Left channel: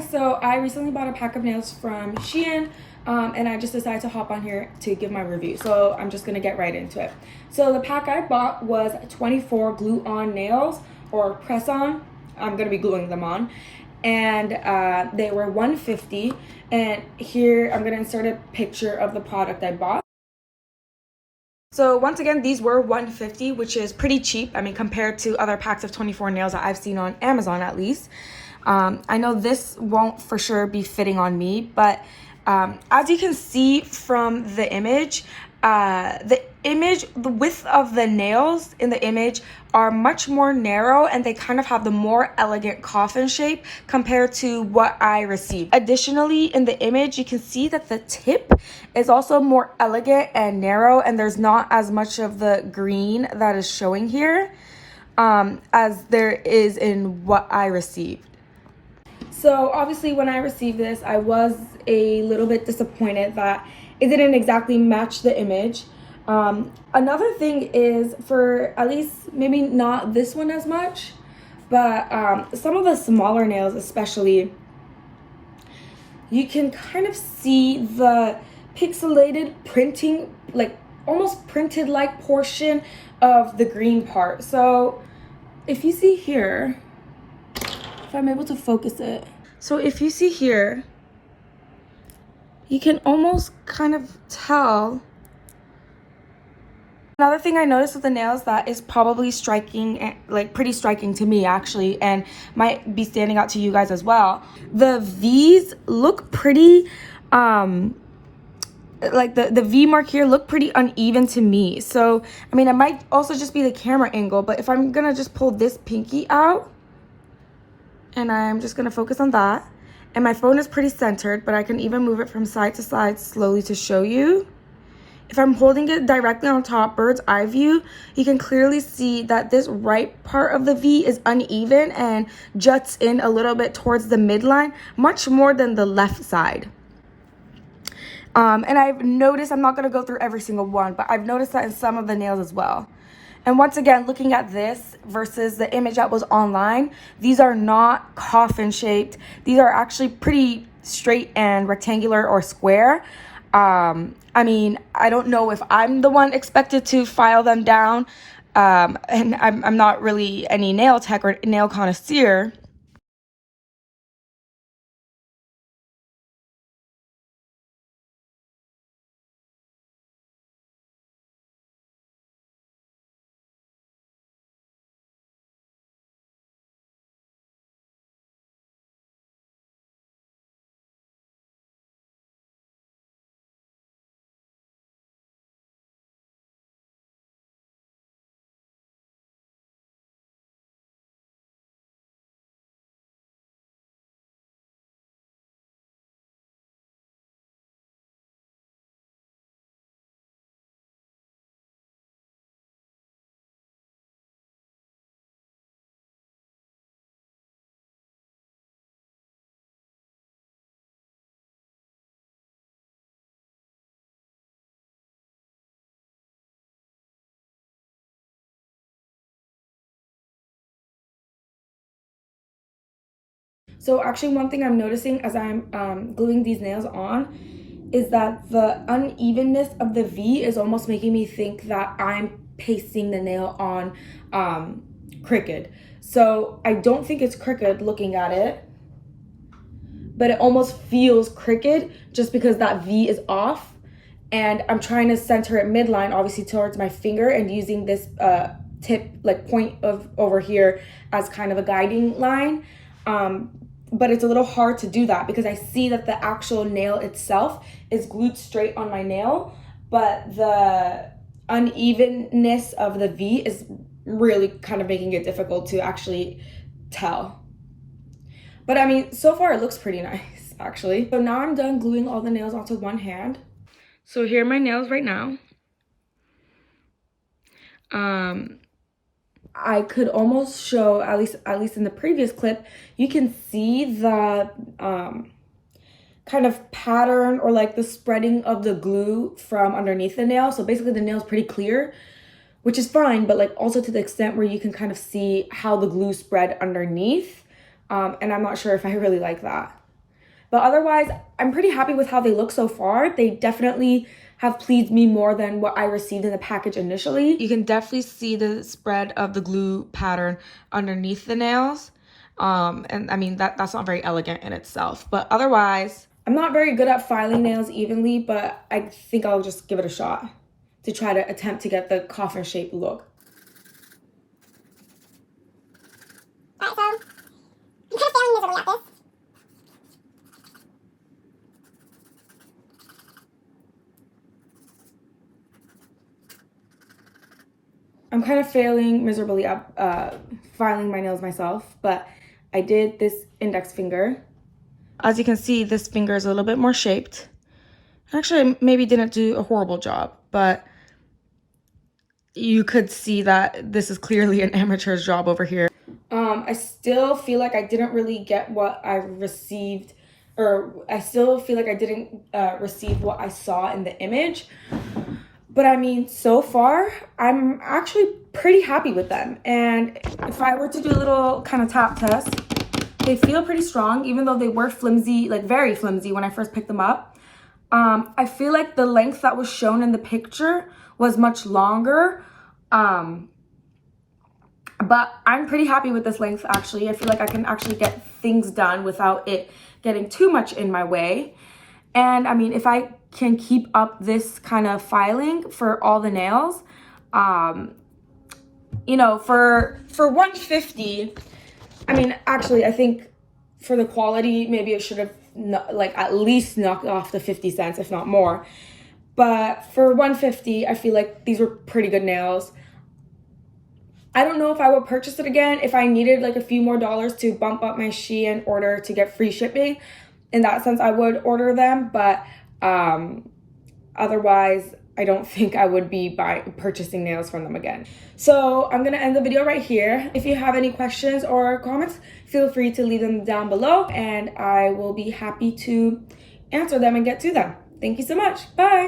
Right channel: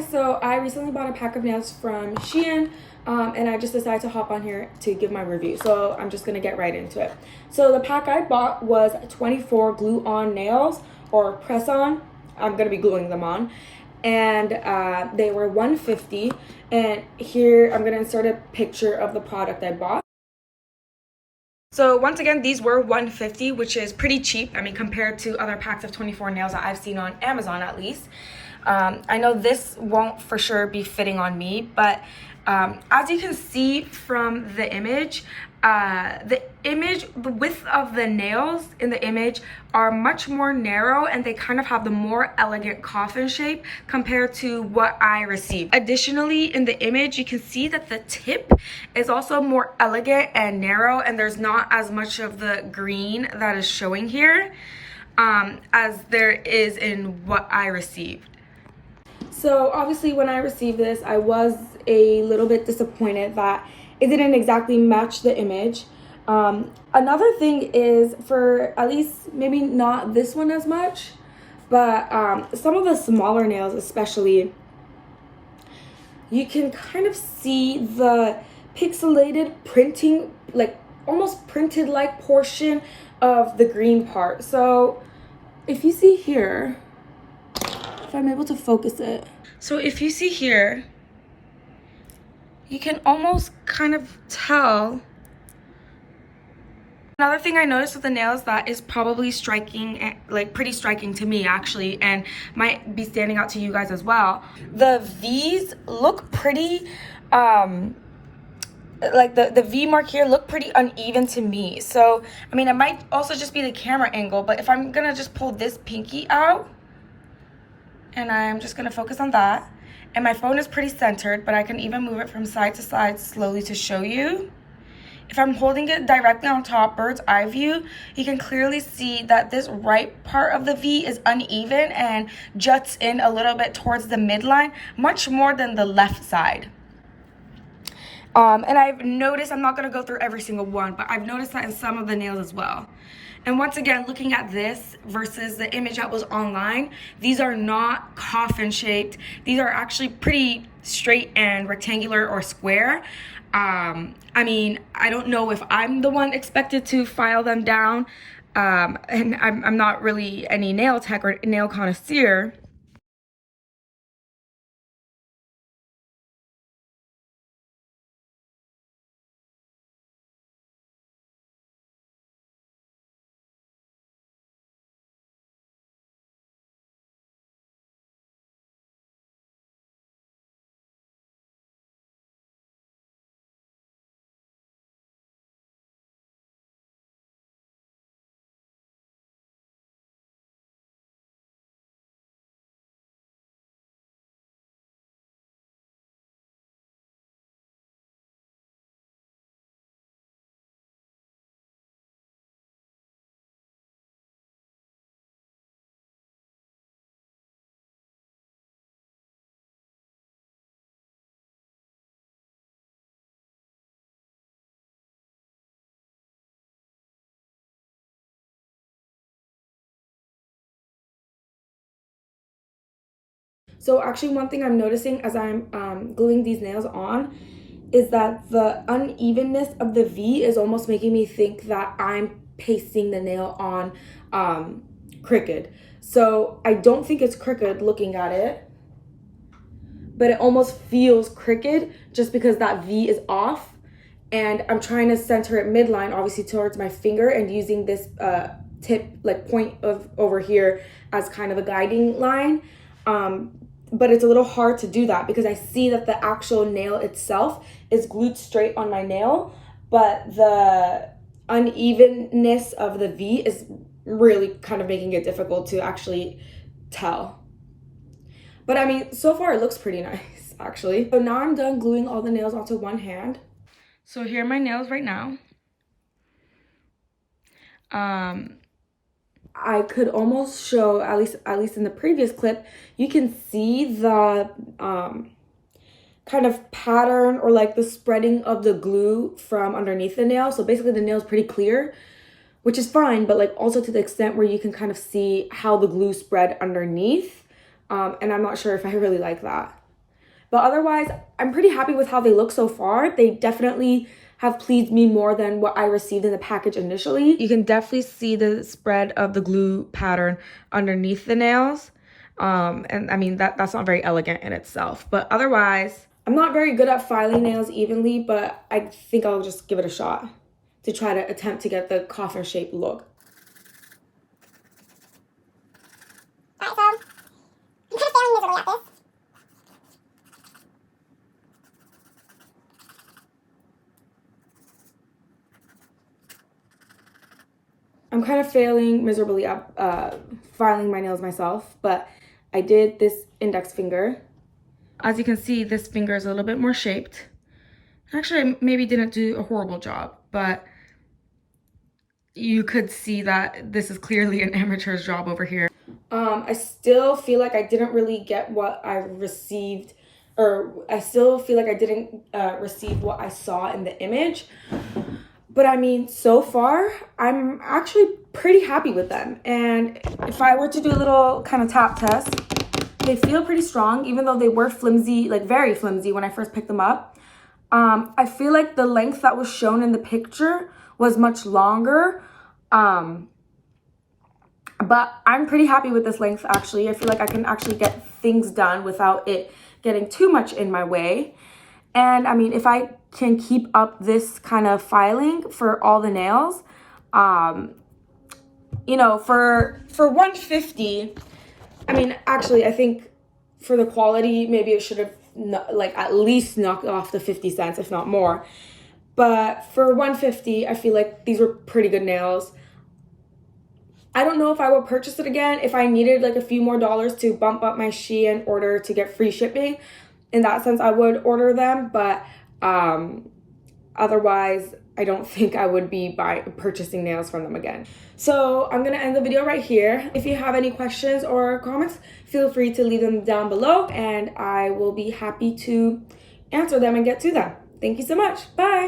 guys, so I recently bought a pack of nails from SHEIN and I just decided to hop on here to give my review. So I'm just gonna get right into it. So the pack I bought was 24 glue-on nails, or press-on. I'm gonna be gluing them on. And they were $150. And here I'm gonna insert a picture of the product I bought. So once again, these were $150, which is pretty cheap. I mean, compared to other packs of 24 nails that I've seen on Amazon at least. I know this won't for sure be fitting on me, but as you can see from the image, the width of the nails in the image are much more narrow, and they kind of have the more elegant coffin shape compared to what I received. Additionally, in the image, you can see that the tip is also more elegant and narrow, and there's not as much of the green that is showing here as there is in what I received. So obviously when I received this, I was a little bit disappointed that it didn't exactly match the image. Another thing is, for at least maybe not this one as much, but some of the smaller nails especially, you can kind of see the pixelated printing, like almost printed like portion of the green part. So if you see here, if I'm able to focus it. So if you see here, you can almost kind of tell. Another thing I noticed with the nails that is probably striking, like pretty striking to me actually, and might be standing out to you guys as well. The V's look pretty, like the V mark here look pretty uneven to me. So, I mean, it might also just be the camera angle, but if I'm gonna just pull this pinky out, and I'm just gonna focus on that. And my phone is pretty centered, but I can even move it from side to side slowly to show you. If I'm holding it directly on top, bird's eye view, you can clearly see that this right part of the V is uneven and juts in a little bit towards the midline, much more than the left side. And I've noticed, I'm not gonna go through every single one, but I've noticed that in some of the nails as well. And once again, looking at this versus the image that was online, these are not coffin shaped. These are actually pretty straight and rectangular or square. I mean, I don't know if I'm the one expected to file them down, and I'm not really any nail tech or nail connoisseur. So actually one thing I'm noticing as I'm gluing these nails on is that the unevenness of the V is almost making me think that I'm pasting the nail on crooked. So I don't think it's crooked looking at it, but it almost feels crooked just because that V is off. And I'm trying to center it midline, obviously towards my finger, and using this tip, like point of over here, as kind of a guiding line. But it's a little hard to do that because I see that the actual nail itself is glued straight on my nail, but the unevenness of the V is really kind of making it difficult to actually tell. But I mean, so far it looks pretty nice, actually. So now I'm done gluing all the nails onto one hand. So here are my nails right now. I could almost show, at least in the previous clip, you can see the kind of pattern or like the spreading of the glue from underneath the nail. So basically the nail is pretty clear, which is fine, but like also to the extent where you can kind of see how the glue spread underneath. And I'm not sure if I really like that. But otherwise, I'm pretty happy with how they look so far. They definitely have pleased me more than what I received in the package initially. You can definitely see the spread of the glue pattern underneath the nails. And I mean, that's not very elegant in itself. But otherwise, I'm not very good at filing nails evenly, but I think I'll just give it a shot to try to attempt to get the coffin shape look. Alright, so I'm kind of failing miserably at this. I'm kind of failing miserably at filing my nails myself, but I did this index finger. As you can see, this finger is a little bit more shaped. Actually, I maybe didn't do a horrible job, but you could see that this is clearly an amateur's job over here. I still feel like I didn't really get what I received, or I still feel like I didn't receive what I saw in the image. But I mean, so far, I'm actually pretty happy with them. And if I were to do a little kind of tap test, they feel pretty strong, even though they were flimsy, like very flimsy when I first picked them up. I feel like the length that was shown in the picture was much longer. But I'm pretty happy with this length, actually. I feel like I can actually get things done without it getting too much in my way. And I mean, if I can keep up this kind of filing for all the nails, you know, for $150, I mean, actually, I think for the quality, maybe it should have like at least knocked off the 50 cents, if not more. But for $150, I feel like these were pretty good nails. I don't know if I would purchase it again if I needed like a few more dollars to bump up my SHEIN order to get free shipping. In that sense, I would order them, but otherwise, I don't think I would be purchasing nails from them again. So I'm gonna end the video right here. If you have any questions or comments, feel free to leave them down below, and I will be happy to answer them and get to them. Thank you so much. Bye.